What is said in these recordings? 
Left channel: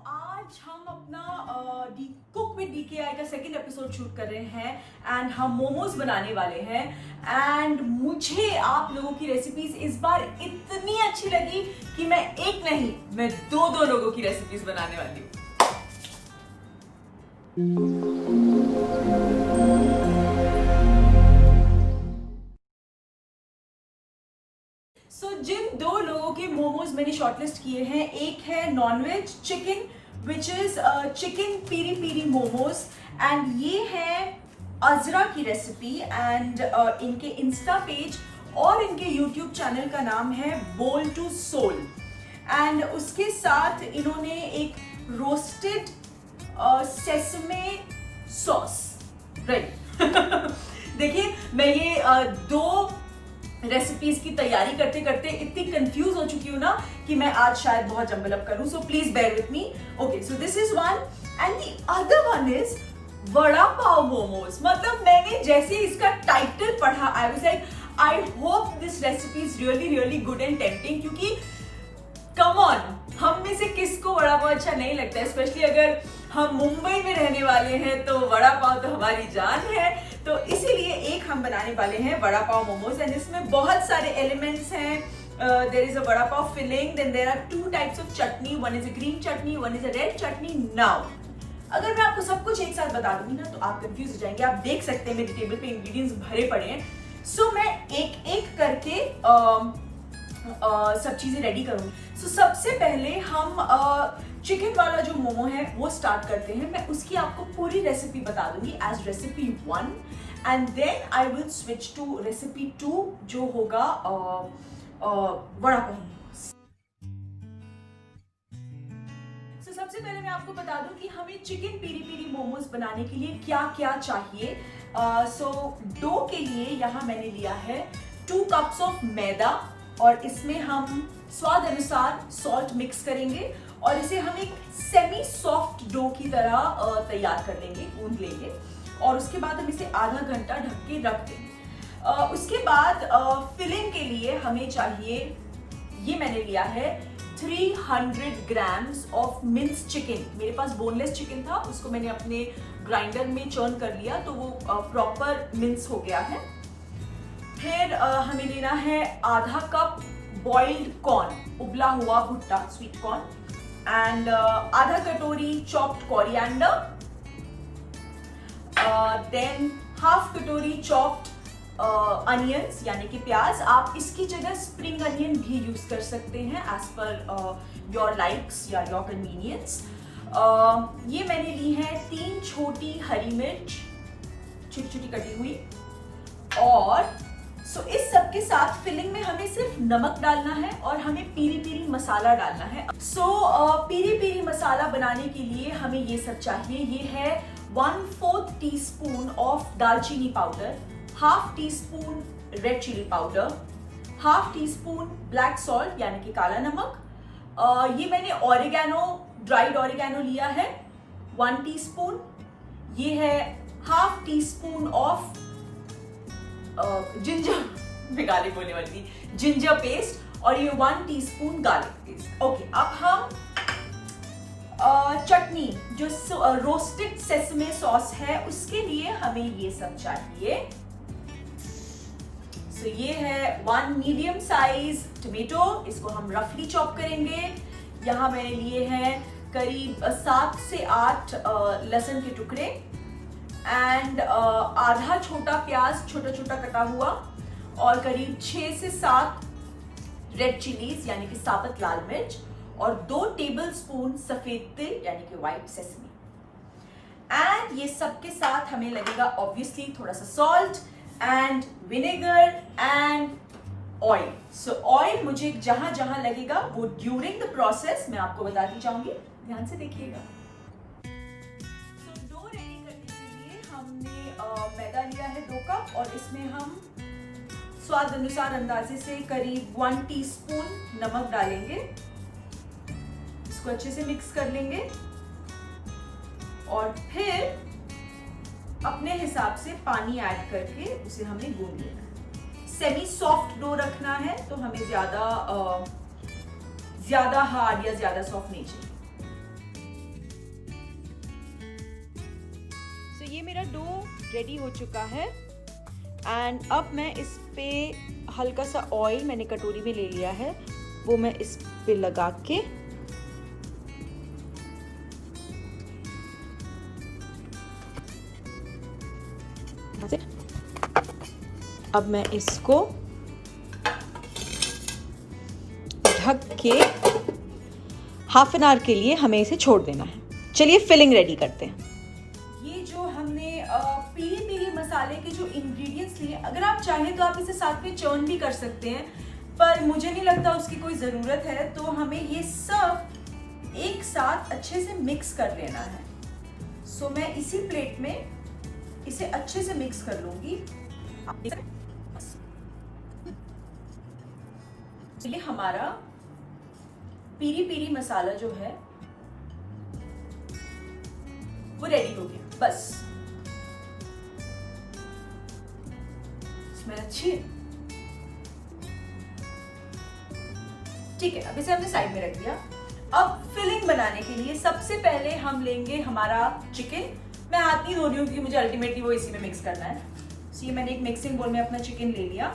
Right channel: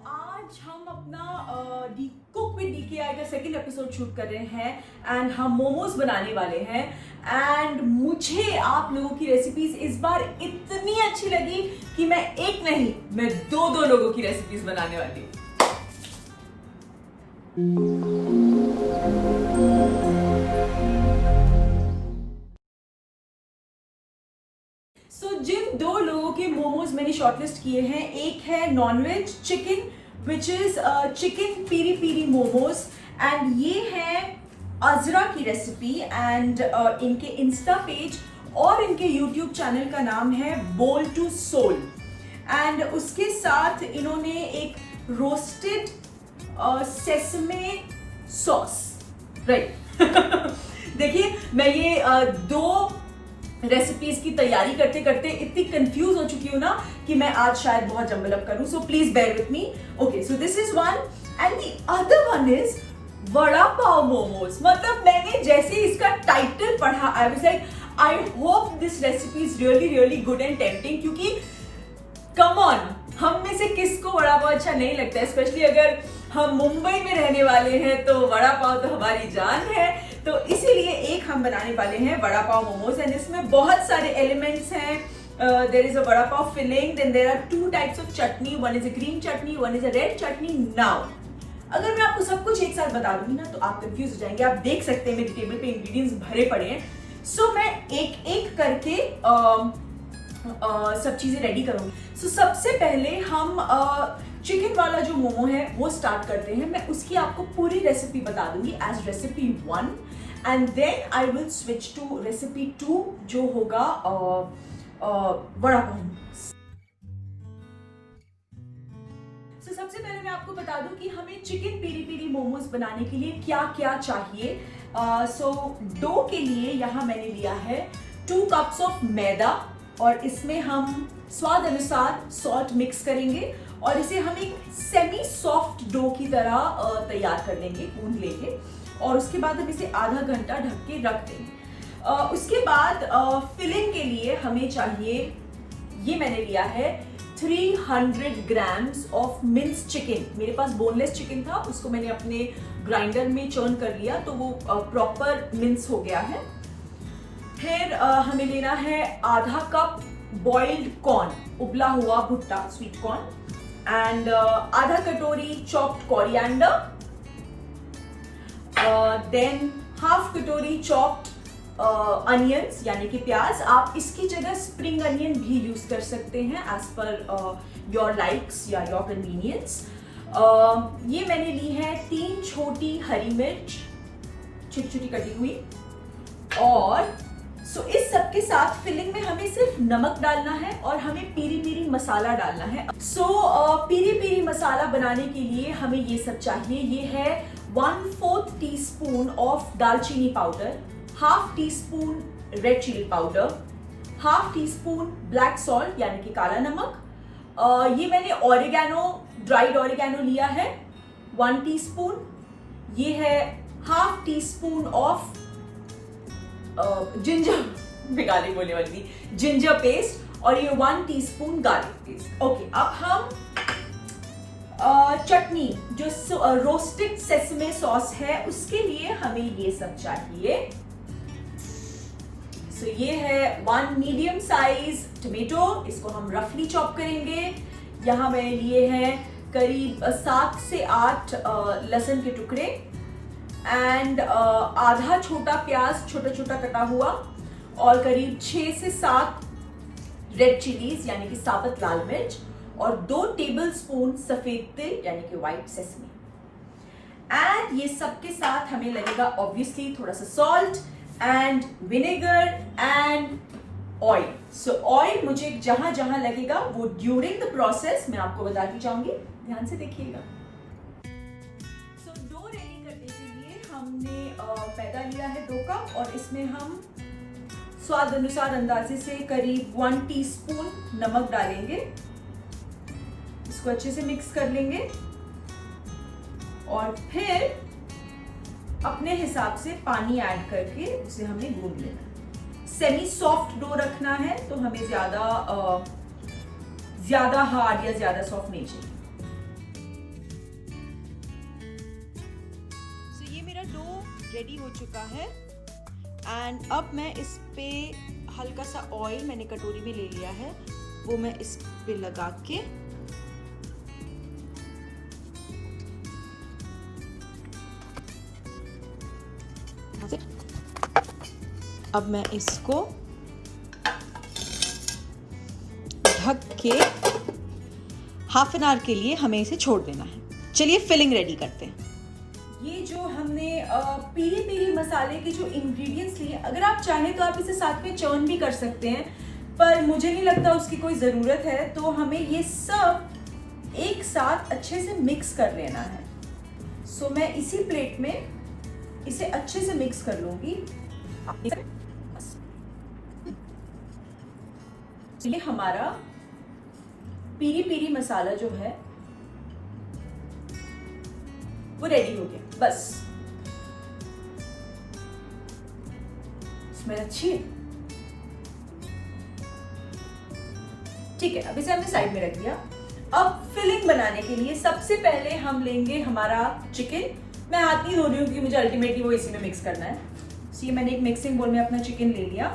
आज हम अपना दी कुक विद डीकेआई का सेकंड एपिसोड शूट कर रहे हैं एंड हम मोमोज बनाने वाले हैं। एंड मुझे आप लोगों की रेसिपीज इस बार इतनी अच्छी लगी कि मैं एक नहीं, मैं दो लोगों की रेसिपीज बनाने वाली हूँ। जिन दो लोगों के मोमोज मैंने शॉर्टलिस्ट किए हैं, एक है non veg chicken which is chicken peri peri momos and ये है अजरा की रेसिपी एंड इनके इंस्टा पेज और इनके यूट्यूब चैनल का नाम है बोल टू सोल। एंड उसके साथ इन्होंने एक रोस्टेड सेसमे सॉस, राइट। देखिए, मैं ये दो रेसिपीज की तैयारी करते करते इतनी कंफ्यूज हो चुकी हूँ ना कि मैं आज शायद बहुत जंबल अप करूं, so please bear with me. Okay, so this is one and the other one is vada pav momos. मतलब मैंने जैसे इसका टाइटल पढ़ा, I was like I hope this recipe is really good and tempting, क्योंकि कम ऑन, हम में से किसको वड़ा पाव अच्छा नहीं लगता, स्पेशली अगर हम मुंबई में रहने वाले हैं तो वड़ा पाव तो हमारी जान है। तो इसीलिए एक हम बनाने वाले हैं वड़ा पाव मोमोज एंड इसमें बहुत सारे एलिमेंट्स हैं। There is a vada pav filling, then there are two types of chutney, one is a green chutney, one is a red chutney. Now अगर मैं आपको सब कुछ एक साथ बता दूंगी ना तो आप कंफ्यूज हो जाएंगे। आप देख सकते हैं मेरी टेबल पे इंग्रेडिएंट्स भरे पड़े हैं। सो मैं एक एक करके सब चीजें रेडी करूंगी। सो सबसे पहले हम चिकन वाला जो मोमो है वो स्टार्ट करते हैं। मैं उसकी आपको पूरी रेसिपी बता दूंगी as recipe 1 and then I will switch to recipe 2 जो होगा वड़ा पाव। सो सबसे पहले मैं आपको बता दूं कि हमें चिकन पीरी पीरी मोमोज बनाने के लिए क्या क्या चाहिए। सो डो के लिए यहाँ मैंने लिया है 2 कप्स ऑफ मैदा और इसमें हम स्वाद अनुसार सॉल्ट मिक्स करेंगे और इसे हम एक सेमी सॉफ्ट डो की तरह तैयार कर लेंगे, गूंद लेंगे और उसके बाद हम इसे आधा घंटा ढक के रख देंगे। उसके बाद फिलिंग के लिए हमें चाहिए, ये मैंने लिया है 300 ग्राम्स ऑफ मिन्स चिकन। मेरे पास बोनलेस चिकन था, उसको मैंने अपने ग्राइंडर में चर्न कर लिया तो वो प्रॉपर मिन्स हो गया है। फिर हमें लेना है आधा कप बॉइल्ड कॉर्न, उबला हुआ भुट्टा, स्वीट कॉर्न, एंड आधा कटोरी चॉप्ड कोरिएंडर, देन हाफ कटोरी चॉप्ड अनियंस यानी कि प्याज। आप इसकी जगह स्प्रिंग अनियन भी यूज कर सकते हैं एज पर योर लाइक्स या योर कन्वीनियंस। ये मैंने ली है 3 छोटी हरी मिर्च छोटी छोटी कटी हुई। और सो इस सब के साथ फिलिंग में हमें सिर्फ नमक डालना है और हमें पीरी पीरी मसाला डालना है। सो पीरी पीरी मसाला बनाने के लिए हमें ये सब चाहिए। ये है 1/4 teaspoon of dalchini powder, half teaspoon red chilli powder, half teaspoon black salt यानी कि काला नमक। ये मैंने ऑरिगेनो, ड्राइड ऑरिगेनो लिया है 1 टीस्पून। ये है half tea spoon of ginger, garlic बोलने वाली थी, जिंजर पेस्ट, और ये 1 टीस्पून गार्लिक पेस्ट। ओके, अब हम चटनी जो रोस्टेड सेसमे सॉस है उसके लिए हमें ये सब चाहिए। सो ये है 1 मीडियम साइज टमेटो, इसको हम रफली चॉप करेंगे। यहाँ मैंने लिए हैं करीब 7 से 8 लहसुन के टुकड़े एंड आधा छोटा प्याज छोटा छोटा कटा हुआ और करीब 6 से 7 रेड चिलीज यानी कि साबुत लाल मिर्च और 2 टेबलस्पून सफेद तिल यानी कि व्हाइट सेसमी। एंड ये सब के साथ हमें लगेगा ऑब्वियसली थोड़ा सा salt and vinegar and oil. So oil मुझे जहां जहां लगेगा वो ड्यूरिंग द प्रोसेस मैं आपको बताती जाऊंगी, ध्यान से देखिएगा। हमने मैदा लिया है 2 कप और इसमें हम स्वाद अनुसार अंदाजे से करीब 1 टीस्पून नमक डालेंगे। इसको अच्छे से मिक्स कर लेंगे और फिर अपने हिसाब से पानी ऐड करके उसे हमें गूंद लेना है। सेमी सॉफ्ट डो रखना है तो हमें ज्यादा हार्ड या ज्यादा सॉफ्ट नहीं चाहिए। रेडी हो चुका है। एंड अब मैं इस पे हल्का सा ऑयल मैंने कटोरी में ले लिया है, वो मैं इस पे लगा के अब मैं इसको ढक के हाफ एन आवर के लिए हमें इसे छोड़ देना है। चलिए फिलिंग रेडी करते हैं। ये जो हमने पीरी पीरी मसाले के जो इंग्रेडिएंट्स लिए, अगर आप चाहें तो आप इसे साथ में चर्न भी कर सकते हैं, पर मुझे नहीं लगता उसकी कोई ज़रूरत है। तो हमें ये सब एक साथ अच्छे से मिक्स कर लेना है। सो मैं इसी प्लेट में इसे अच्छे से मिक्स कर लूंगी। ये हमारा पीरी पीरी मसाला जो है वो रेडी हो गया। बस स्मेल अच्छी है, ठीक है। अब इसे हमने साइड में रख दिया। अब फिलिंग बनाने के लिए सबसे पहले हम लेंगे हमारा चिकन। मैं हाथ नहीं धो रही हूँ क्योंकि मुझे अल्टीमेटली वो इसी में मिक्स करना है। तो ये मैंने एक मिक्सिंग बोल में अपना चिकन ले लिया,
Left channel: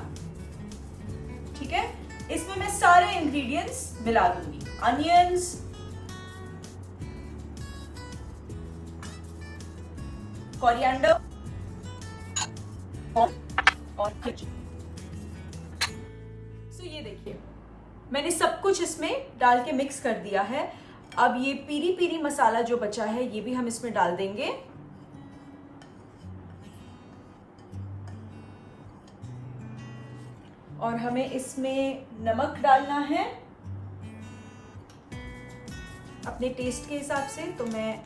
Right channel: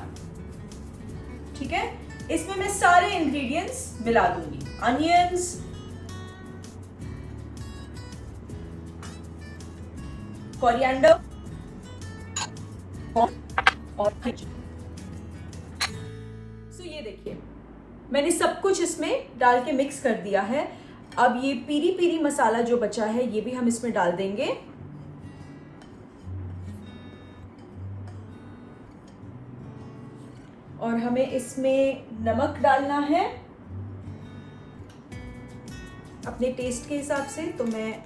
ठीक है। इसमें मैं सारे इंग्रेडिएंट्स मिला दूंगी, अनियंस, कोरिएंडर और ये देखिए मैंने सब कुछ इसमें डाल के मिक्स कर दिया है। अब ये पीरी पीरी मसाला जो बचा है ये भी हम इसमें डाल देंगे। और हमें इसमें नमक डालना है अपने टेस्ट के हिसाब से। तो मैं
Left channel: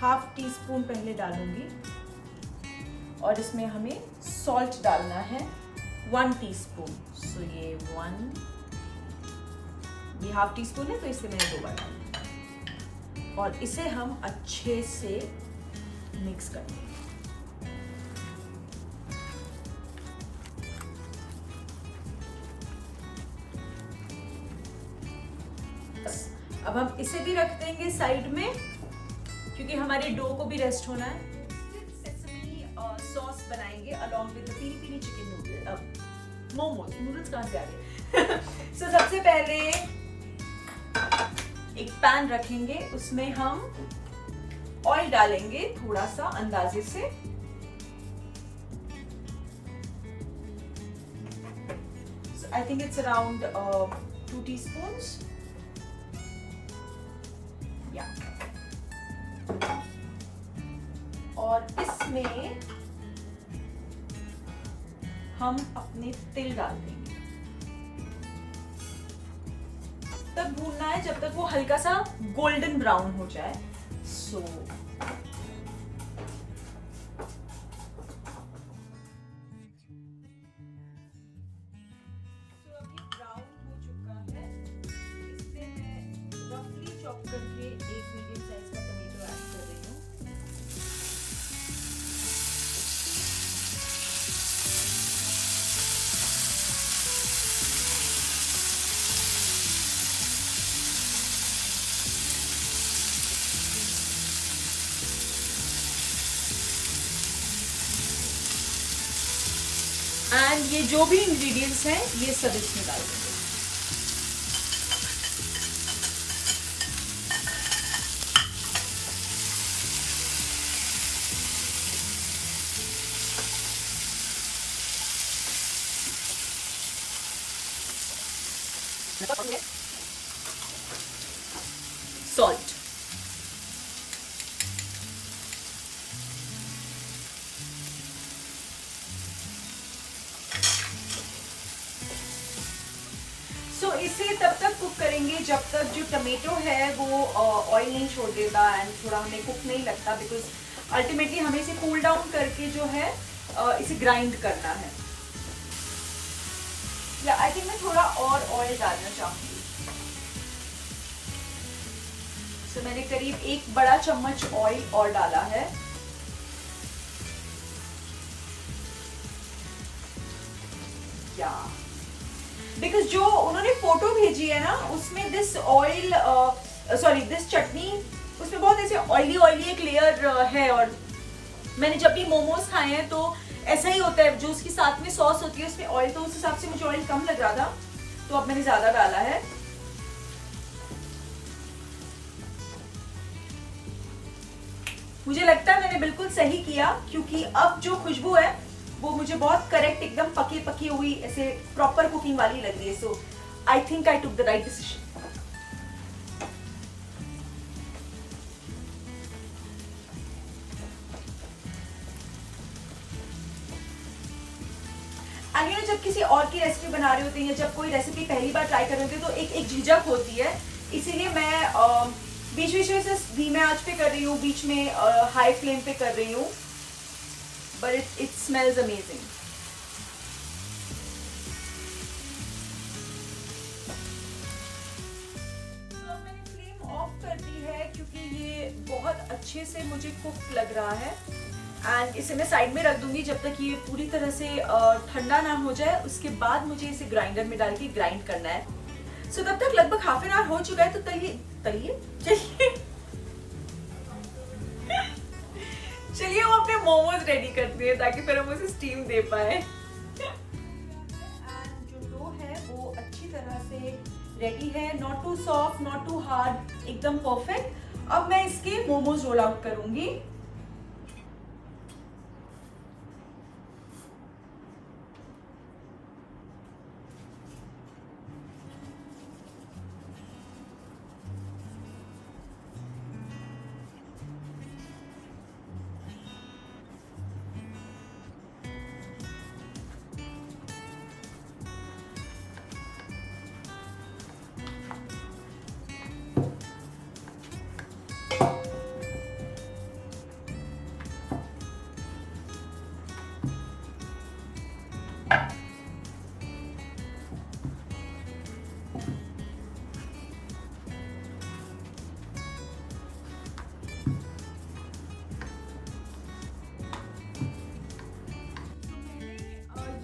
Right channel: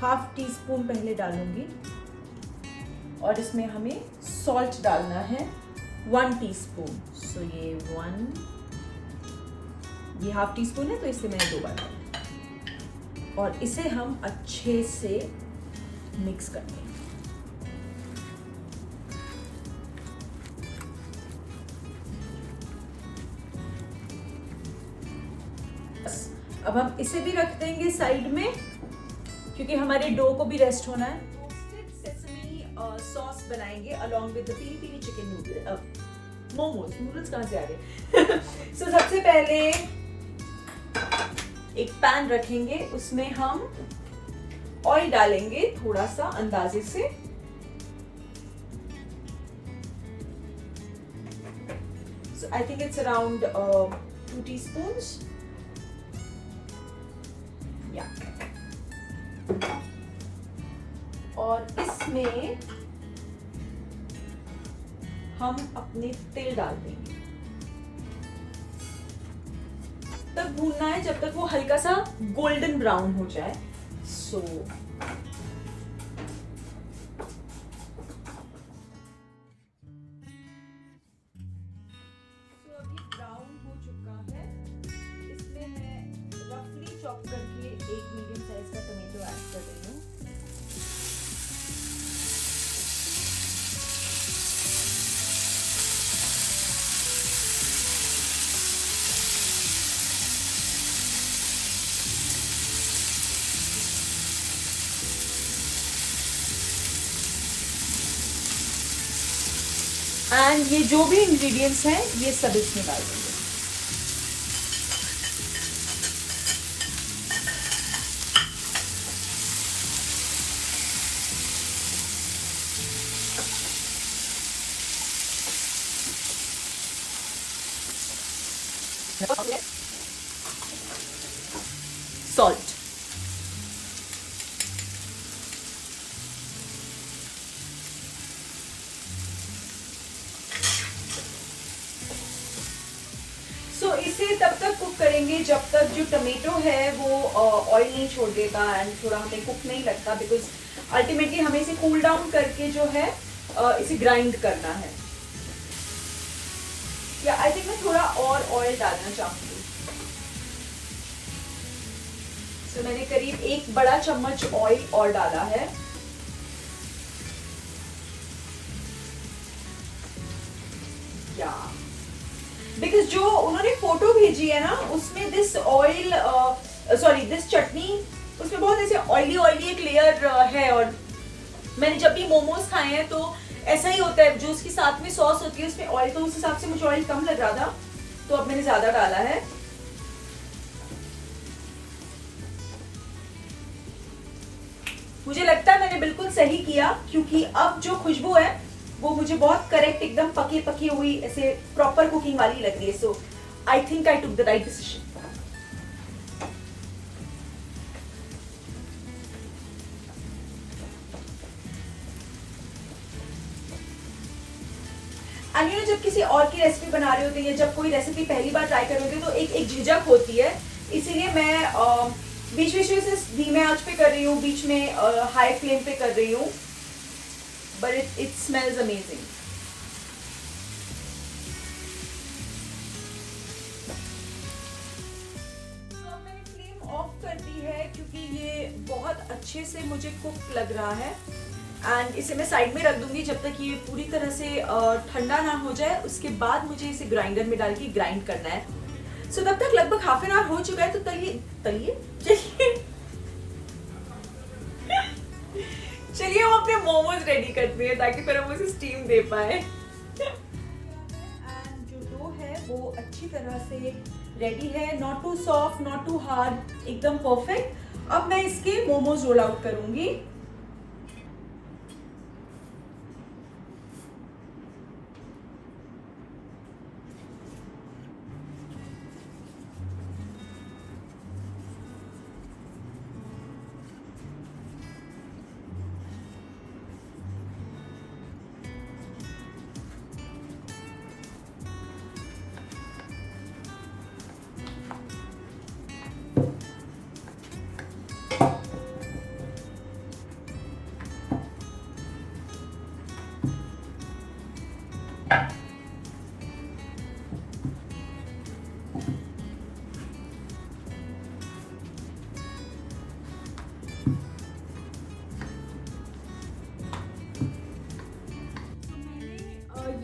हाफ टी स्पून पहले डालूंगी। और इसमें हमें सॉल्ट डालना है 1 टीस्पून। सो ये हाफ टी स्पून है तो इसे मैंने 2 बार डाला। और इसे हम अच्छे से मिक्स कर देंगे। अब हम इसे भी रख देंगे साइड में क्योंकि हमारे डो को भी रेस्ट होना है। सेसमी सॉस बनाएंगे along with the peri peri chicken noodle, momos. Noodles कहाँ से आ गए? सो सबसे पहले एक पैन रखेंगे, उसमें हम ऑयल डालेंगे थोड़ा सा अंदाजे से। I think it's around 2 teaspoons. और इसमें हम अपने तिल डाल देंगे। तब भूनना है जब तक वो हल्का सा गोल्डन ब्राउन हो जाए। सो अभी ब्राउन हो चुका है। इसमें मैं रफली चॉप करके एक मीडियम साइज का टमाटो ऐड कर देती हूँ। एंड ये जो भी इंग्रेडिएंट्स हैं ये सब इसमें डाल देंगे। सॉल्ट, इसे तब तक कुक करेंगे जब तक जो टमेटो है वो ऑयल नहीं छोड़ देता एंड थोड़ा हमें कुक नहीं लगता, बिकॉज अल्टीमेटली हमें इसे कूल डाउन करके जो है इसे ग्राइंड करना है। या आई थिंक मैं थोड़ा और ऑयल डालना चाहूंगी। तो मैंने करीब 1 बड़ा चम्मच ऑयल और डाला है। या बिकॉज जो उन्होंने फोटो भेजी है ना उसमें दिस ऑयल दिस चटनी उसमें बहुत ऐसे ऑयली एक लेयर है और मैंने जब भी मोमोज खाए हैं तो ऐसा ही होता है, जो उसके साथ में सॉस होती है उसमें ऑयल, तो उस हिसाब से मुझे ऑयल कम लग रहा था तो अब मैंने ज्यादा डाला है। मुझे लगता है मैंने बिल्कुल सही किया, क्योंकि अब जो खुशबू है वो मुझे बहुत करेक्ट, एकदम पकी पकी हुई ऐसे प्रॉपर कुकिंग वाली लग रही है। So I think I took the right decision. अन्य जब किसी और की रेसिपी बना रहे होते हैं या जब कोई रेसिपी पहली बार ट्राई कर रहे होते हैं तो एक झिझक होती है, इसीलिए मैं बीच बीच में से धीमे आंच पे कर रही हूँ, बीच में हाई फ्लेम पे कर रही हूँ, बट इट स्मेल्स अमेजिंग। मैंने फ्लेम ऑफ कर दी है क्योंकि ये बहुत अच्छे से मुझे कुक लग रहा है, एंड इसे मैं साइड में रख दूंगी जब तक ये पूरी तरह से ठंडा ना हो जाए। उसके बाद मुझे इसे ग्राइंडर में डाल के ग्राइंड करना है। सो तब तक लगभग हाफ एन आवर हो चुका है, तो चलिए हम अपने मोमोज रेडी करते हैं ताकि फिर हम उसे स्टीम दे पाए। एंड जो डो है वो अच्छी तरह से रेडी है, not too soft not too hard, एकदम परफेक्ट। अब मैं इसके मोमोज रोल आउट करूंगी।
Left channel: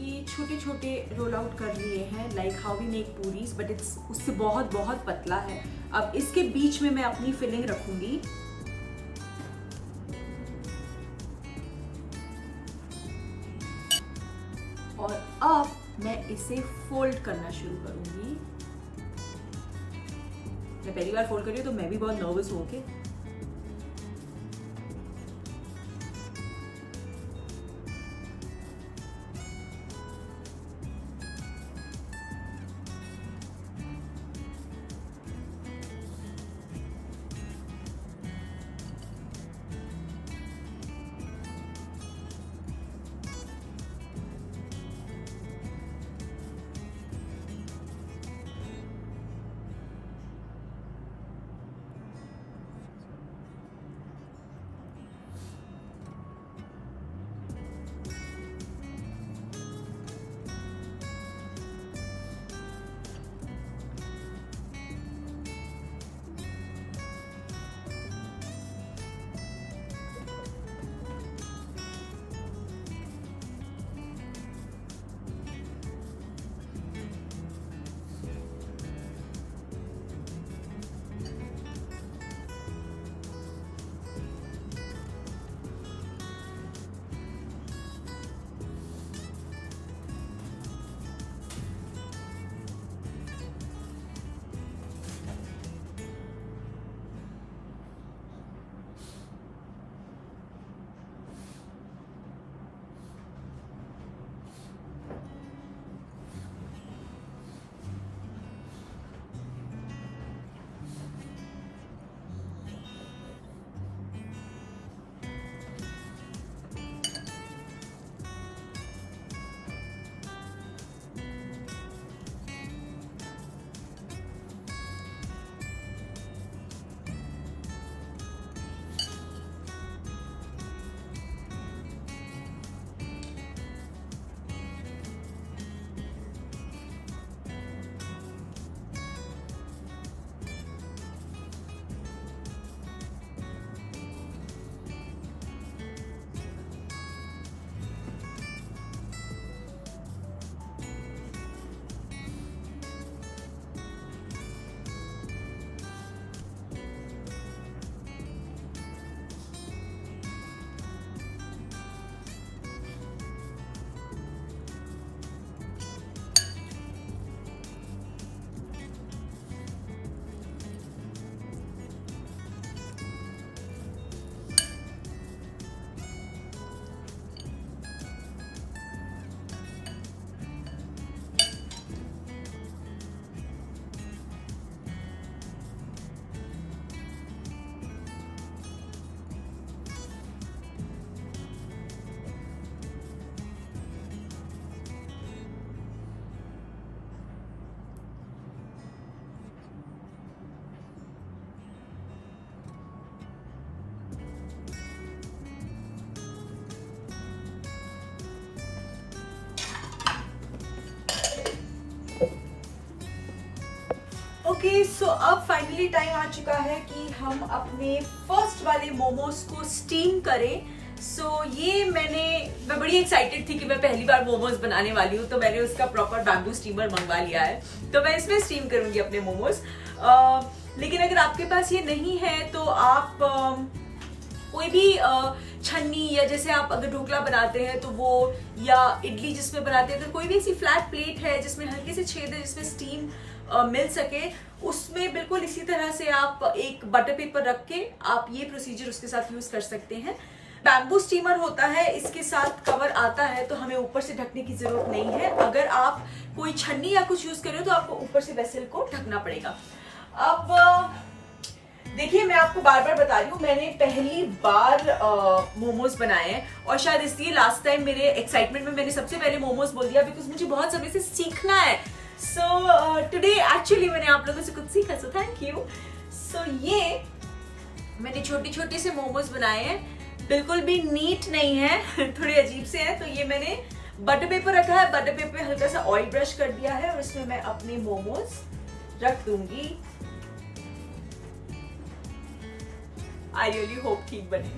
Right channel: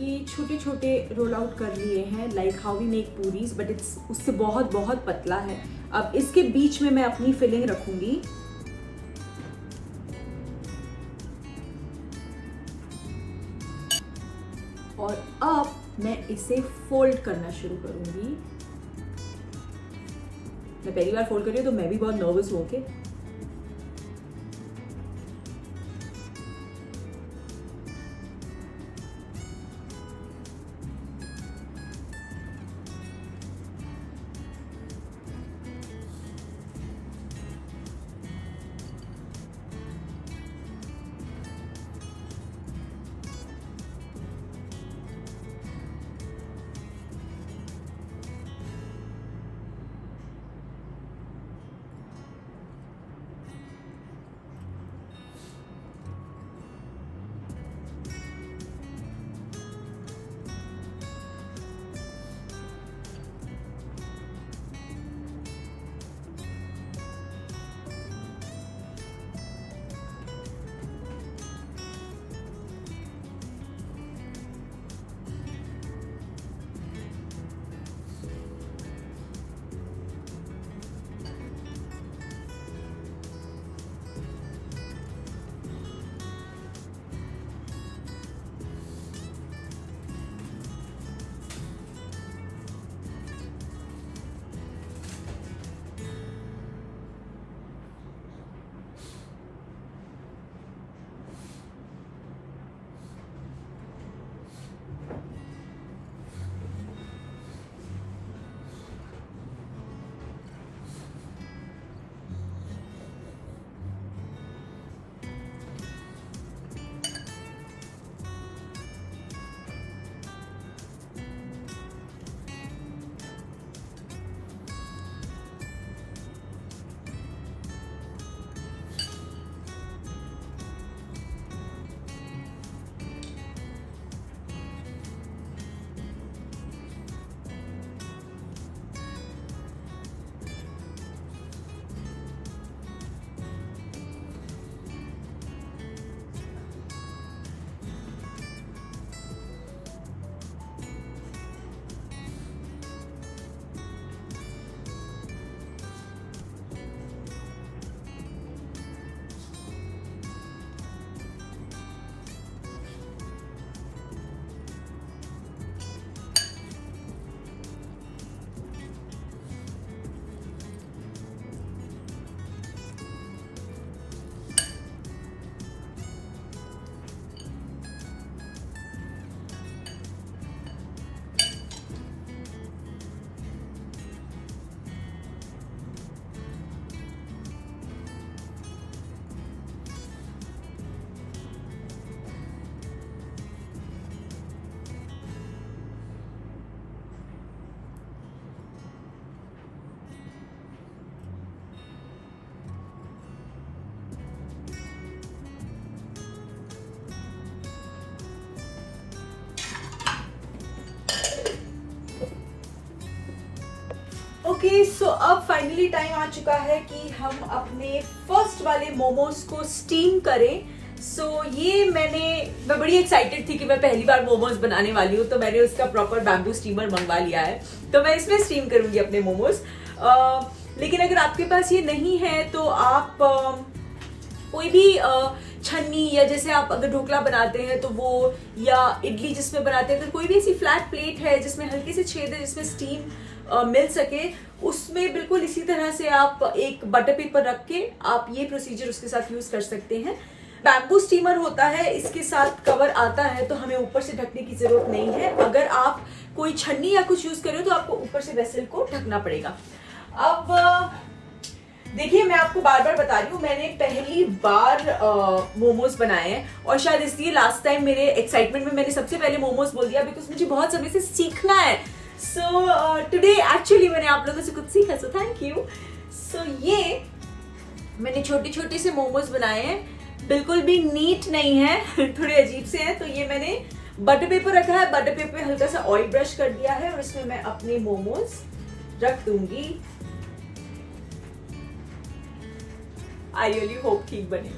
ये छोटे छोटे रोल आउट कर लिए हैं, like how we make puris, but it's उससे बहुत बहुत पतला है। अब इसके बीच में मैं अपनी फिलिंग रखूंगी। और अब मैं इसे फोल्ड करना शुरू करूंगी। मैं पहली बार फोल्ड कर रही हूँ तो मैं भी बहुत नर्वस हूँ। ओके, ओके, सो अब फाइनली टाइम आ चुका है कि हम अपने फर्स्ट वाले मोमोज को स्टीम करें। सो ये मैं बड़ी एक्साइटेड थी कि मैं पहली बार मोमोज बनाने वाली हूँ, तो मैंने उसका प्रॉपर बैम्बू स्टीमर मंगवा लिया है, तो मैं इसमें स्टीम करूंगी अपने मोमोज। लेकिन अगर आपके पास ये नहीं है तो आप कोई भी छन्नी, या जैसे आप अगर ढोकला बनाते हैं तो वो, या इडली जिसमें बनाते हैं तो कोई भी ऐसी फ्लैट प्लेट है जिसमें हल्के से छेद है जिसमें स्टीम मिल सके, उसमें बिल्कुल इसी तरह से आप एक बटर पेपर रख के आप ये प्रोसीजर उसके साथ यूज कर सकते हैं। बैम्बू स्टीमर होता है, इसके साथ कवर आता है, तो हमें ऊपर से ढकने की जरूरत नहीं है। अगर आप कोई छन्नी या कुछ यूज करें तो आपको ऊपर से वेसल को ढकना पड़ेगा। अब देखिए, मैं आपको बार बार बता रही हूँ, मैंने पहली बार मोमोज बनाए हैं, और शायद इसलिए लास्ट टाइम मेरे एक्साइटमेंट में मैंने सबसे पहले मोमोज बोल दिया, बिकॉज मुझे बहुत समय से सीखना है। सो टुडे एक्चुअली मैंने आप लोगों से कुछ सीखा, सो थैंक यू। सो ये मैंने छोटे छोटे से मोमोज बनाए हैं, बिल्कुल भी नीट नहीं है, थोड़े अजीब से हैं। तो ये मैंने बटर पेपर रखा है, बटर पेपर पे हल्का सा ऑयल ब्रश कर दिया है, और इसमें मैं अपने मोमोज रख दूंगी। आई रियली होप ठीक बने।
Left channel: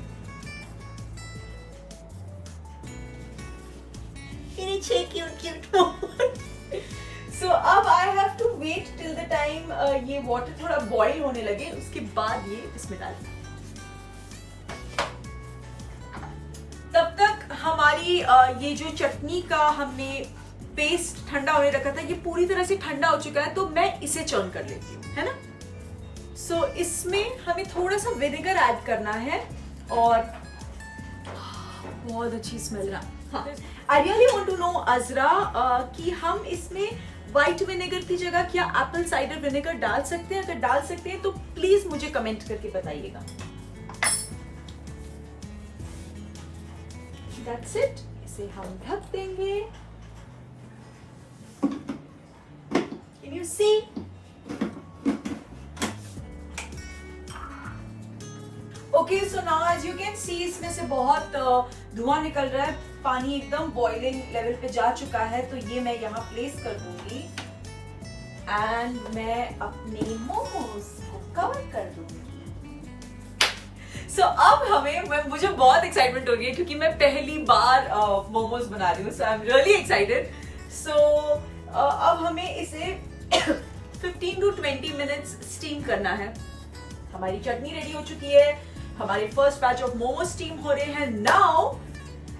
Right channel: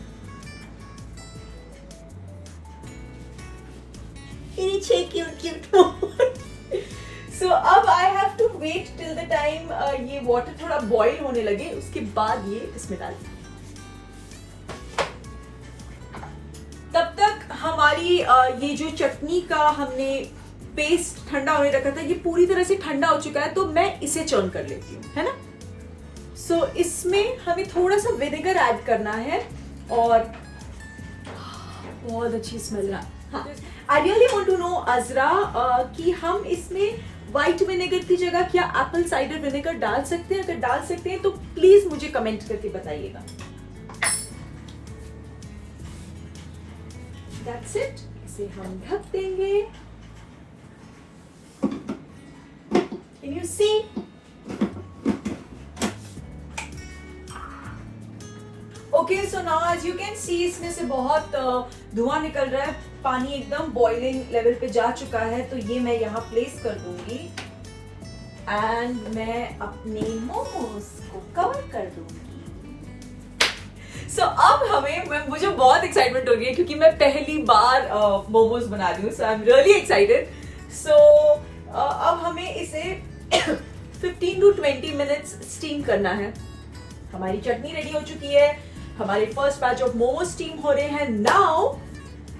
सो अब I have to wait till the time ये वाटर थोड़ा बॉईल होने लगे, उसके बाद ये इसमें डाल। तब तक हमारी ये जो चटनी का हमने पेस्ट ठंडा होने रखा था, ये पूरी तरह से ठंडा हो चुका है, तो मैं इसे चर्न कर लेती हूँ, है ना। सो इसमें हमें थोड़ा सा विनेगर ऐड करना है, और बहुत अच्छी स्मेल है। I really want to know Azra कि हम इसमें व्हाइट विनेगर की जगह क्या एप्पल साइडर विनेगर डाल सकते हैं? अगर डाल सकते हैं तो प्लीज मुझे कमेंट करके बताइएगा। That's it. इसे हम ढक देंगे। Can you see? Okay, so now as you can see, इसमें से बहुत धुआं निकल रहा है, पानी एकदम बॉइलिंग लेवल पे जा चुका है, तो ये मैं यहाँ प्लेस कर दूंगी, एंड मैं अपने मोमोज को कवर कर दूंगी। सो अब मुझे बहुत एक्साइटमेंट हो रही है, क्योंकि मैं पहली बार मोमोज बना रही हूँ, सो आई एम रियली एक्साइटेड। सो अब हमें इसे 15 to 20 मिनट्स स्टीम करना है। हमारी चटनी रेडी हो चुकी है, हमारे first batch of momos steam हो रहे हैं। Now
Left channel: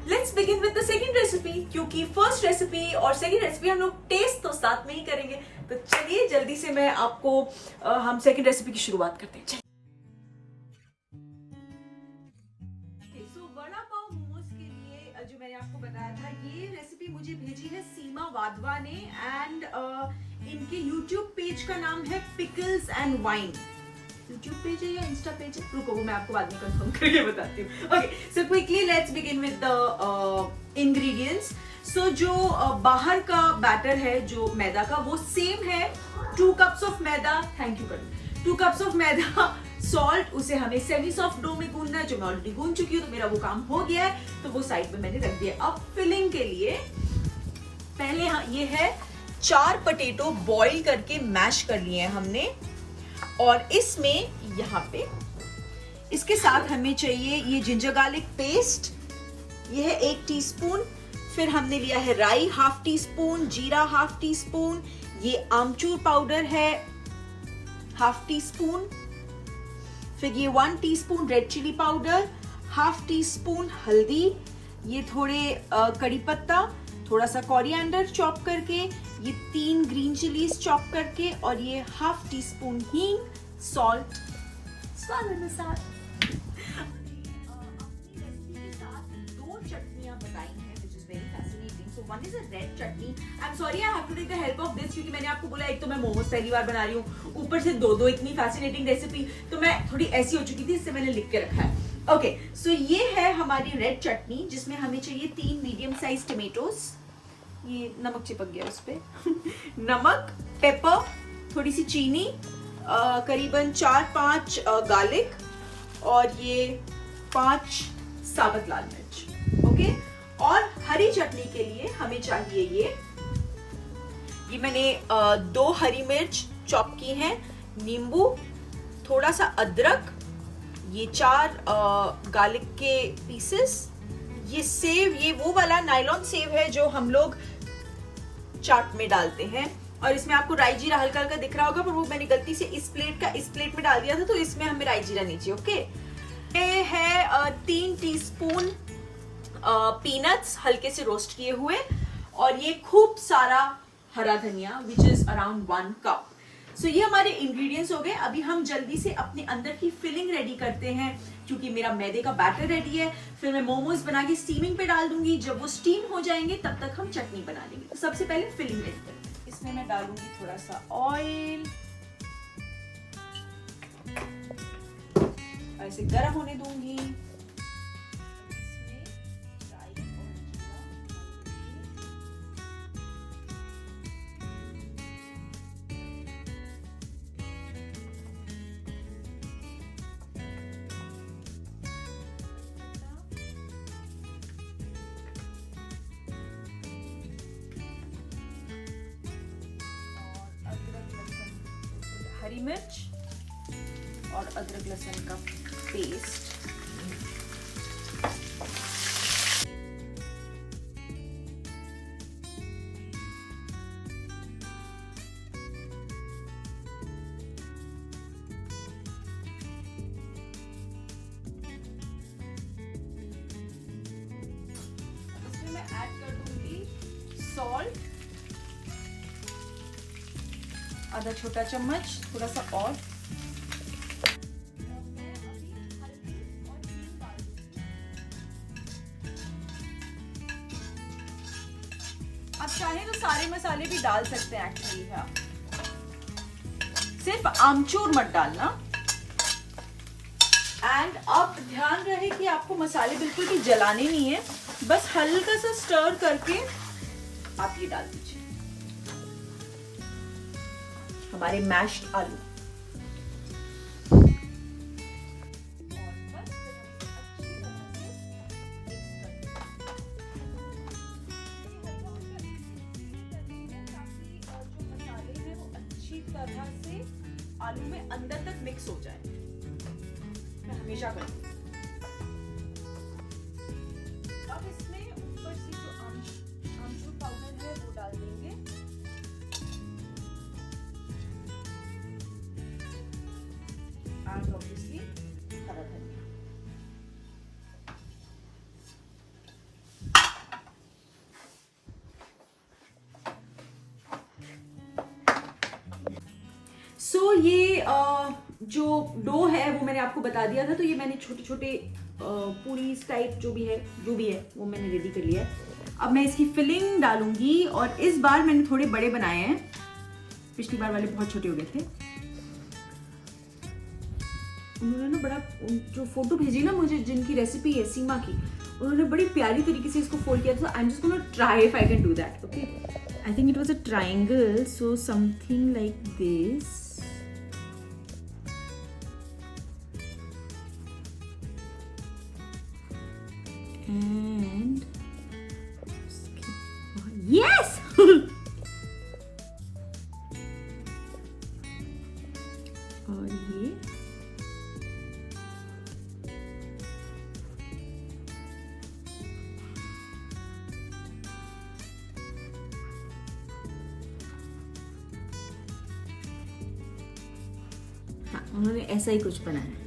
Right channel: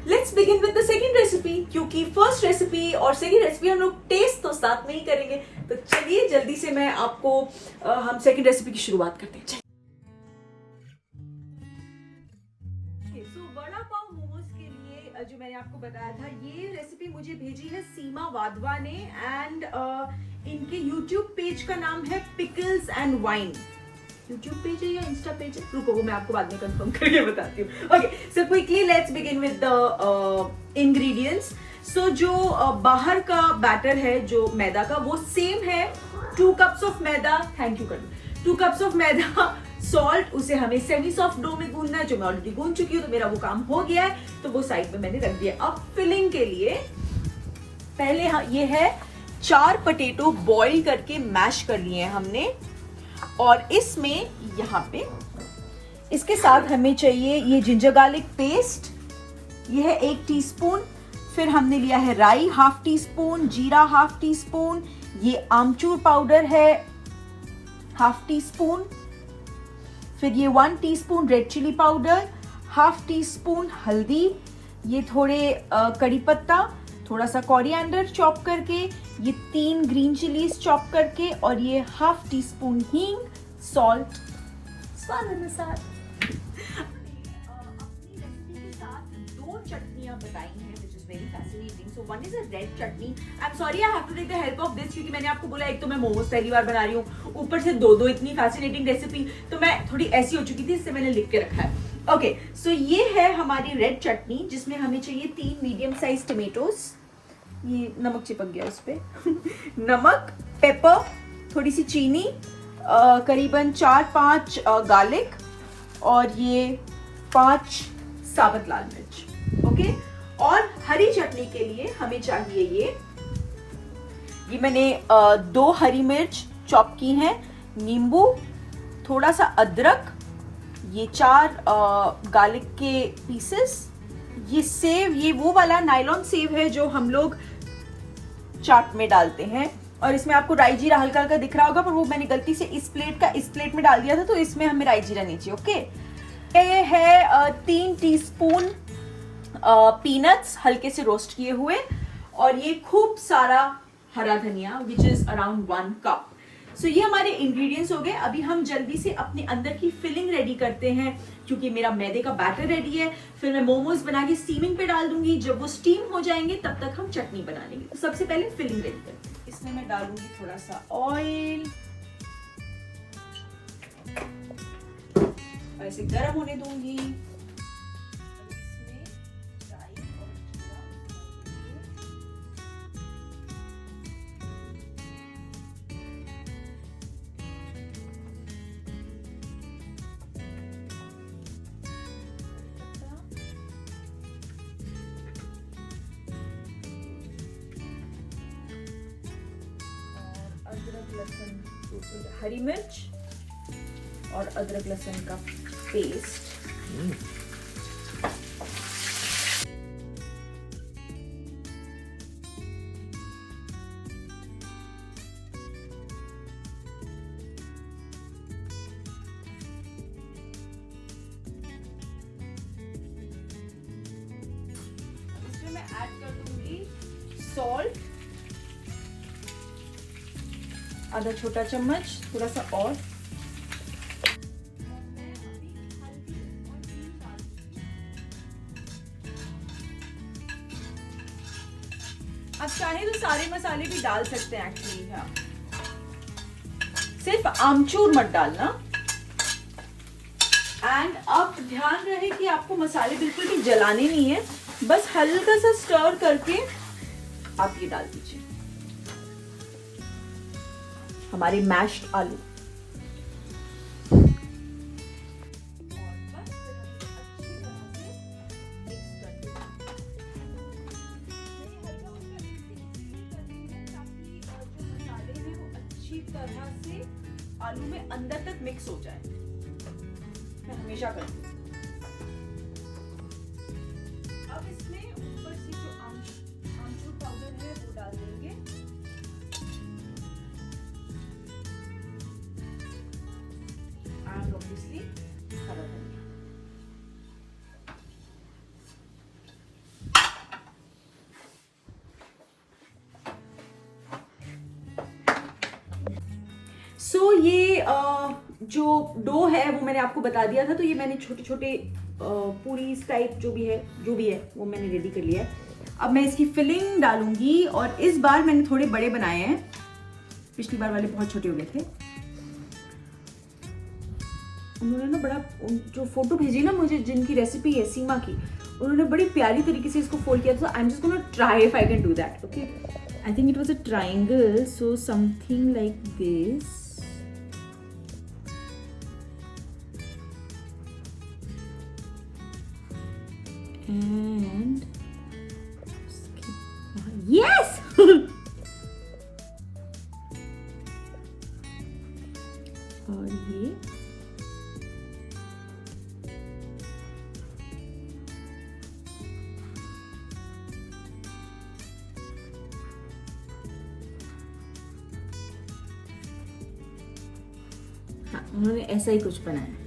let's begin with the second recipe, क्योंकि फर्स्ट रेसिपी और सेकंड रेसिपी हम लोग टेस्ट तो साथ में ही करेंगे। तो चलिए जल्दी से मैं आपको हम सेकंड रेसिपी की शुरुआत करते हैं। सो वड़ा पाव मोमोज के लिए जो मैंने आपको बताया था, ये रेसिपी मुझे भेजी है सीमा वाधवा ने, एंड इनके यूट्यूब पेज का नाम है pickles and wine. YouTube page है या इंस्टा पेज है, रुको वो मैं आपको बाद में कंफर्म करके बताती हूँ। Okay, so quickly let's begin with the ingredients. So जो बाहर का बैटर है जो मैदा का, वो सेम है, 2 cups of maida, thank you कर 2 कप्स ऑफ मैदा, सॉल्ट, उसे हमें सेमी सॉफ्ट डो में गूंदना है, जो मैं ऑलरेडी गूंद चुकी हूँ, तो मेरा वो काम हो गया है, तो वो साइड में मैंने रख दिया। अब फिलिंग के लिए पहले ये है 4 पोटैटो बॉईल करके मैश कर लिए हैं हमने, और इसमें यहाँ पे इसके साथ हमें चाहिए ये जिंजर गार्लिक पेस्ट, ये है 1 टीस्पून, फिर हमने लिया है राई 1/2 टीस्पून, जीरा 1/2 टीस्पून, ये आमचूर पाउडर है 1/2 टीस्पून, फिर ये 1 teaspoon red chilli powder, 1/2 teaspoon हल्दी, ये थोड़े कड़ी पत्ता, थोड़ा सा कोरिएंडर चॉप करके, ये 3 ग्रीन चिलीज चॉप करके, और ये 1/2 टीस्पून हींग, सॉल्ट स्वाद अनुसार। अपनी रेसिपी के साथ 2 चटनियां बताई हैं, which is very fascinating. So one is a red chutney. I'm sorry I have to take the help of this, क्योंकि मैंने आपको बोला एक तो मैं मोमोज पहली बार बना रही हूँ, ऊपर से 2 इतनी फैसिनेटिंग रेसिपी, तो मैं थोड़ी ऐसी हो चुकी थी, इससे मैंने लिख के रखा है। ओके, सो ये है हमारी रेड चटनी, जिसमें हमें चाहिए 3 मीडियम साइज टमेटोज, ये नमक चिपक गया उस पे नमक, पेपर, थोड़ी सी चीनी, करीबन 4-5 गार्लिक, और ये 5 साबुत लाल मिर्च। ओके, और हरी चटनी के लिए हमें चाहिए ये मैंने 2 हरी मिर्च चॉप की हैं, नींबू, थोड़ा सा अदरक, ये 4 गार्लिक के पीसेस, ये सेव, ये वो वाला नायलॉन सेव है जो हम लोग चाट में डालते हैं, और इसमें आपको राई जीरा हल्का हल्का दिख रहा होगा, पर वो मैंने गलती से इस प्लेट में डाल दिया था, तो इसमें हमें राई जीरा नहीं चाहिए। ओके, ये है 3 टीस्पून पीनट्स हल्के से रोस्ट किए हुए, और ये खूब सारा हरा धनिया विच इज अराउंड 1 कप। सो ये हमारे इंग्रेडिएंट्स हो गए। अभी हम जल्दी से अपने अंदर की फिलिंग रेडी करते हैं, क्योंकि मेरा मैदे का बैटर रेडी है। फिर मैं मोमोज बना के स्टीमिंग पे डाल दूंगी। जब वो स्टीम हो जाएंगे तब तक हम चटनी बना लेंगे। तो सबसे पहले फिलिंग रेडी करते हैं। इसमें मैं डालूंगी थोड़ा सा ऑयल, और इसे गर्म होने दूंगी। हरी मिर्च और अदरक लहसुन का पेस्ट, इसमें मैं ऐड कर दूंगी सॉल्ट, आधा छोटा चम्मच, थोड़ा सा और आप चाहें तो सारे मसाले भी डाल सकते हैं एक्चुअली। हाँ, सिर्फ आमचूर मत डालना। एंड अब ध्यान रहे कि आपको मसाले बिल्कुल भी जलाने नहीं है, बस हल्का सा स्टर करके आप ये डाल दीजिए हमारे मैश्ड आलू। अच्छी तरह से आलू में अंदर तक मिक्स हो जाए, मैं हमेशा करती हूँ। अब इसमें ऊपर से जो आमचूर पाउडर है वो डाल देंगे, and obviously हरा धनिया। सो ये जो डो है वो मैंने आपको बता दिया था, तो ये मैंने छोटे छोटे पूरी टाइप जो भी है वो मैंने रेडी कर लिया है। अब मैं इसकी फिलिंग डालूंगी, और इस बार मैंने थोड़े बड़े बनाए हैं, पिछली बार वाले बहुत छोटे हो गए थे। उन्होंने ना बड़ा, जो फोटो भेजी ना मुझे, जिनकी रेसिपी है सीमा की, उन्होंने बड़ी प्यारी तरीके से इसको फोल्ड किया था। I am just gonna try if I can do that. Okay, I think it was a triangle, so something like this. And yes! और ये हाँ, उन्होंने ऐसा ही कुछ बनाया।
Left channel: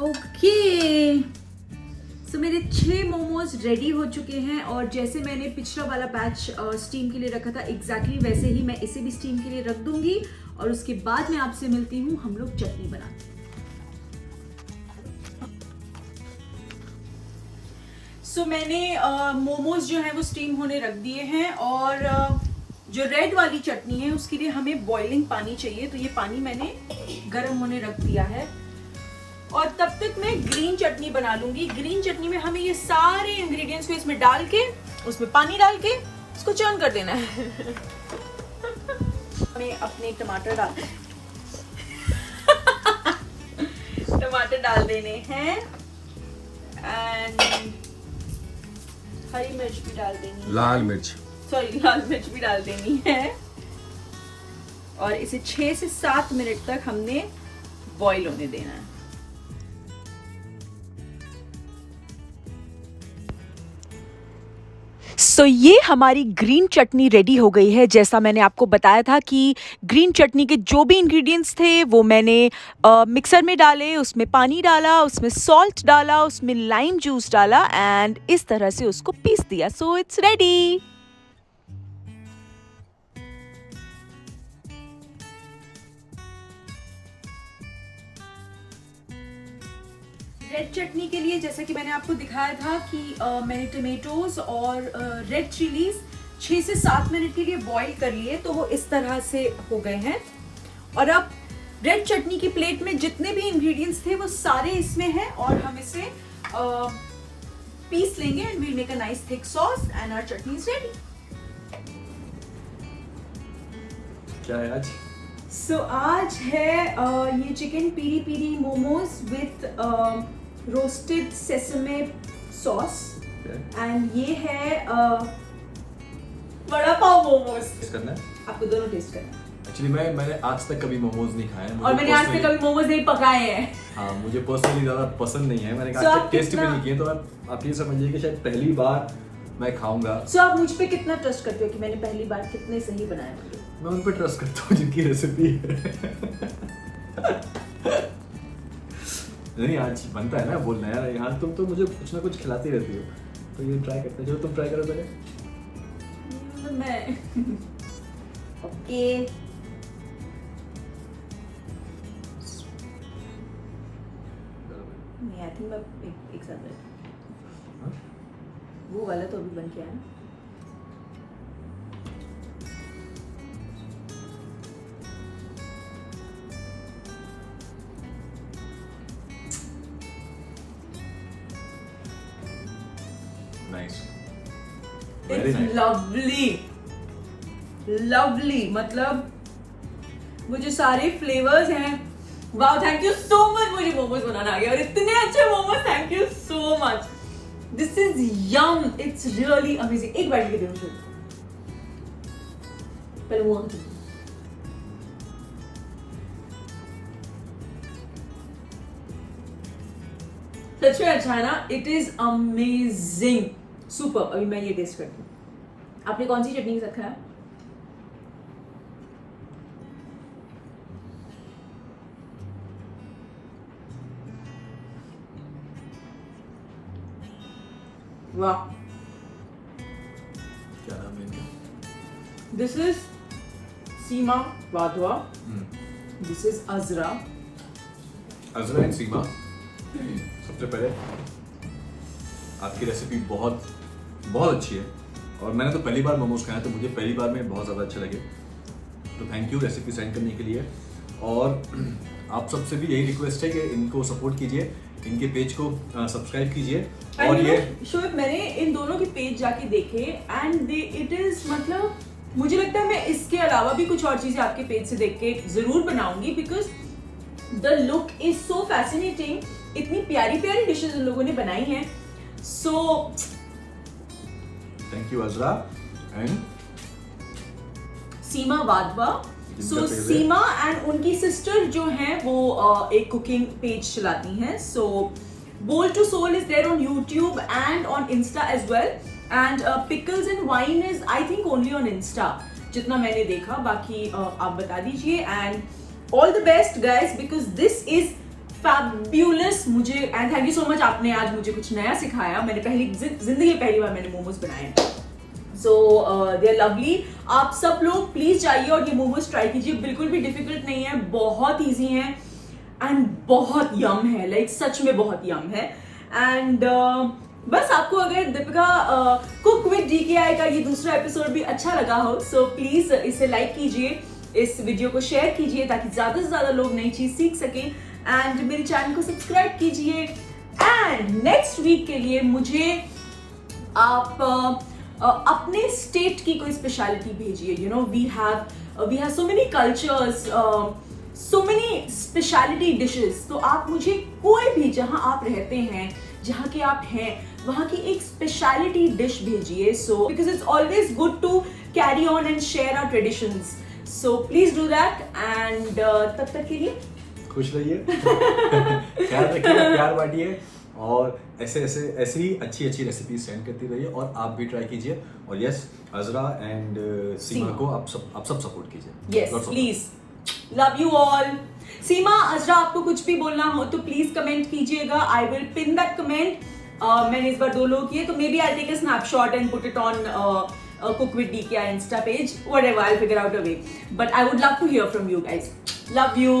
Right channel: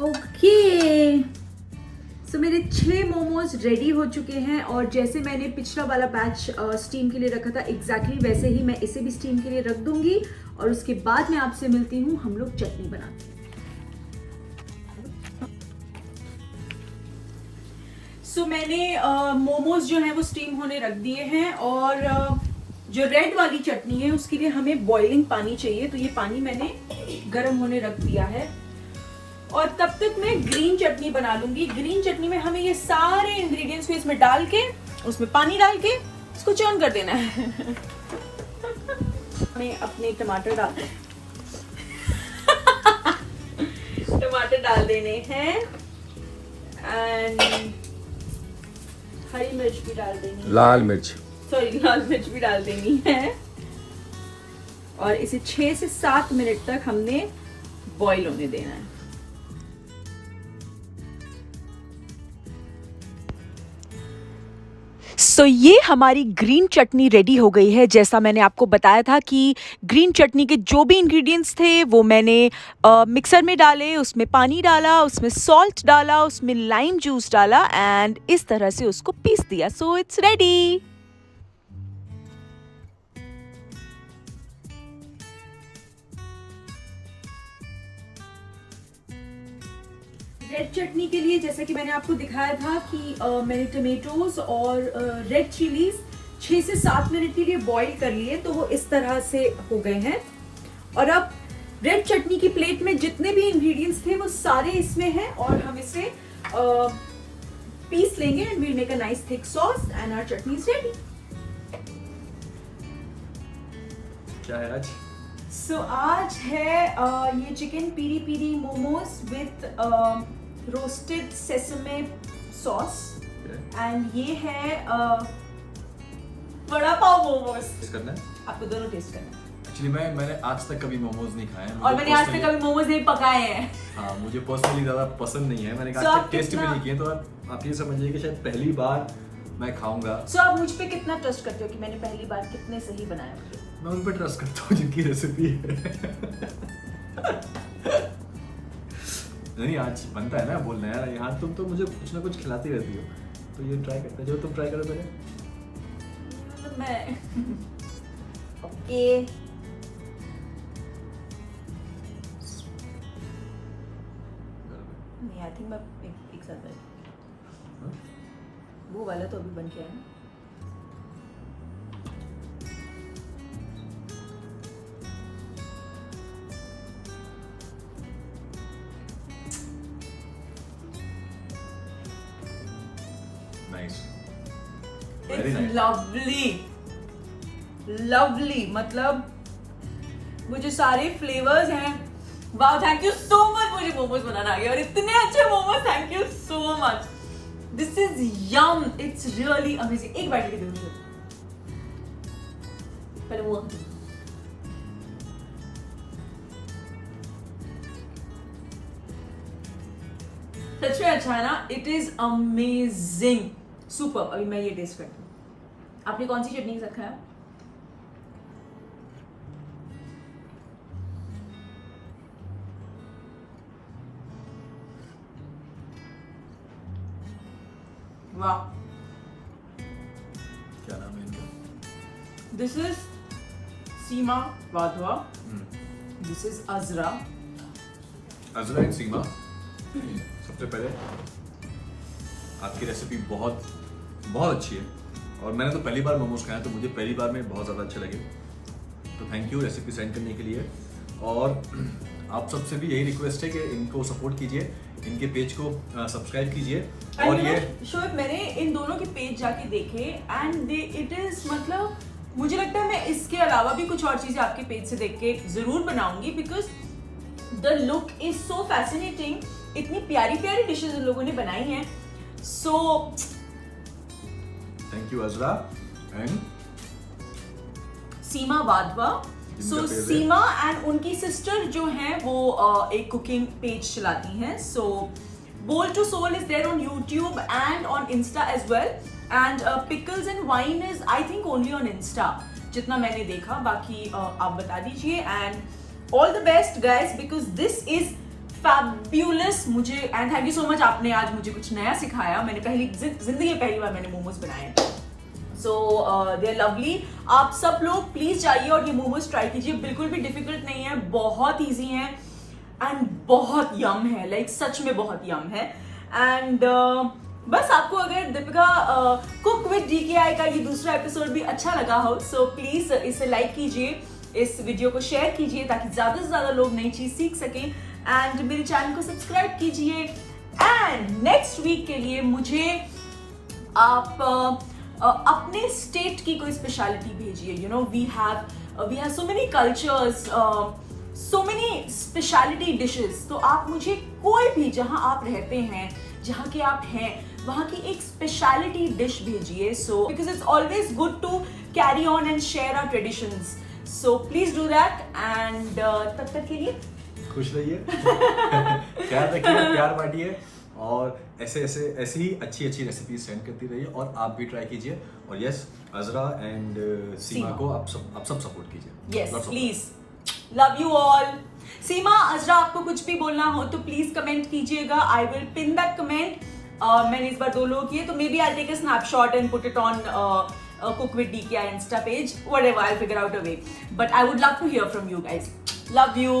ओके, सो मेरे 6 मोमोज रेडी हो चुके हैं, और जैसे मैंने पिछला वाला बैच स्टीम के लिए रखा था, एग्जैक्टली वैसे ही मैं इसे भी स्टीम के लिए रख दूंगी, और उसके बाद मैं आपसे मिलती हूँ, हम लोग चटनी बनाते हैं। सो मैंने मोमोज जो है वो स्टीम होने रख दिए हैं, और जो रेड वाली चटनी है उसके लिए हमें बॉइलिंग पानी चाहिए, तो ये पानी मैंने गर्म होने रख दिया है। और तब तक मैं ग्रीन चटनी बना लूंगी। ग्रीन चटनी में हमें ये सारे इंग्रेडिएंट्स को इसमें डाल के, उसमें पानी डाल के इसको चर्न कर देना है। हमें अपने टमाटर डाल देने हैं, एंड हरी मिर्च भी डाल देनी है, लाल मिर्च, सॉरी लाल मिर्च भी डाल देनी है। और इसे 6 से 7 मिनट तक हमने बॉईल होने देना है। सो ये हमारी ग्रीन चटनी रेडी हो गई है। जैसा मैंने आपको बताया था कि ग्रीन चटनी के जो भी इंग्रेडिएंट्स थे वो मैंने मिक्सर में डाले, उसमें पानी डाला, उसमें सॉल्ट डाला, उसमें लाइम जूस डाला एंड इस तरह से उसको पीस दिया। So it's ready. रेड चटनी के लिए जैसा कि मैंने आपको दिखाया था कि मैंने टमेटोज और रेड चिलीज 6 से 7 मिनट के लिए बॉईल कर लिए, तो वो इस तरह से हो गए हैं। और अब रेड चटनी की प्लेट में जितने भी इंग्रेडिएंट्स थे वो सारे इसमें हैं और हम इसे पीस लेंगे and we'll make a nice thick sauce and our chutney is ready. क्या है आज? सो आज है ये chicken peri peri momos with roasted sesame sauce and ये है वड़ा पाव मोमोज। टेस्ट करना है? आपको दोनों टेस्ट करना है। एक्चुअली मैंने आज तक कभी मोमोज नहीं खाए हैं और मैंने आज तक कभी मोमोज नहीं पकाए हैं। हाँ, मुझे पर्सनली ज्यादा पसंद नहीं है, मैंने आज तक टेस्ट भी नहीं किए, तो आप ये समझिए कि शायद पहली बार मैं खाऊंगा। सो आप मुझ पे कितना ट्रस्ट करते हो कि मैंने पहली बार कितने सही बनाए होंगे? मैं उन पे ट्रस्ट करता हूँ जिनकी रेसिपी है। नहीं, आज बनता है ना बोलना यार, यहाँ तुम तो मुझे कुछ ना कुछ खिलाती रहती हो, तो ये ट्राई करते हैं। जो तुम ट्राई करो पहले। मैं ओके नहीं, आई थिंक मैं एक साथ बैठ वो वाला तो अभी बन गया है। Nice, very nice, lovely lovely, मतलब मुझे सारे फ्लेवर्स हैं। वाह, थैंक यू सो मच, मुझे मोमोज बनाना आ गया और इतने अच्छे momos, thank you so much. This is yum, it's really amazing. एक बाइट के दो मुझे पहले वो सच में अच्छा है ना, इट इज अमेजिंग, सुपर। अभी मैं ये टेस्ट करती हूँ। आपने कौन सी चटनी के साथ खाया? वाह, क्या नाम है इनका? This is Seema Wadhwa, this is Azra. Azra and Seema, सबसे पहले आपकी रेसिपी बहुत बहुत अच्छी है और मैंने तो पहली बार मोमोज खाया, तो मुझे पहली बार में बहुत ज़्यादा अच्छे लगे, तो थैंक यू रेसिपी सेंड करने के लिए। और आप सबसे भी यही रिक्वेस्ट है कि इनको सपोर्ट कीजिए, इनके पेज को सब्सक्राइब कीजिए। और ये श्योर, मैंने इन दोनों के पेज जाके देखे एंड दे इट इज, मतलब मुझे लगता है मैं इसके अलावा भी कुछ और चीजें आपके पेज से देख के जरूर बनाऊंगी, because the look is so fascinating. इतनी प्यारी प्यारी डिशेस इन लोगों ने बनाई हैं। So thank you Azra and Seema Wadhwa. So Seema and उनकी सिस्टर जो हैं वो एक कुकिंग पेज चलाती हैं। So bowl to soul is there on YouTube and on Insta as well, and pickles and wine is I think only on Insta, जितना मैंने देखा। बाकी आप बता दीजिए and all the best guys, because this is fabulous. मुझे and thank you so much, आपने आज मुझे कुछ नया सिखाया। मैंने जिंदगी पहली बार मैंने मोमोज बनाए हैं। सो दे आर लवली। आप सब लोग प्लीज जाइए और ये मोमोज ट्राई कीजिए, बिल्कुल भी डिफिकल्ट नहीं है, बहुत इजी है एंड बहुत यम है, लाइक सच में बहुत यम है। एंड बस आपको अगर दीपिका कुक विद DKI का ये दूसरा एपिसोड भी अच्छा लगा हो, सो प्लीज इसे लाइक कीजिए, इस वीडियो को शेयर कीजिए ताकि ज्यादा से ज्यादा लोग नई चीज सीख सकें, एंड मेरे चैनल को सब्सक्राइब कीजिए। एंड नेक्स्ट वीक के लिए मुझे आप अपने स्टेट की कोई स्पेशलिटी भेजिए। You know we have so many cultures, so many speciality dishes. तो आप मुझे कोई भी, जहां आप रहते हैं, जहां के आप हैं, वहाँ की एक स्पेशलिटी डिश भेजिए. So because it's always good to carry on and share our traditions. So please do that. And तब तक के लिए खुश रहिए, ख्याल रखिए, प्यार बांटिए और ऐसे ही अच्छी रेसिपी सेंड करती रहिए और आप भी ट्राई कीजिए. और यस, अजरा एंड सीमा को आप सब सपोर्ट कीजिए. Yes, Lots of please. Love you all. सीमा, अजरा, आपको कुछ भी बोलना हो तो प्लीज कमेंट कीजिएगा. I will pin that comment. मैंने इस बार 2 लोग किए, तो maybe I take a snapshot and put it on Cook with DK our Insta page. Whatever, I'll figure out a way. But I would love to hear from you guys. Love you.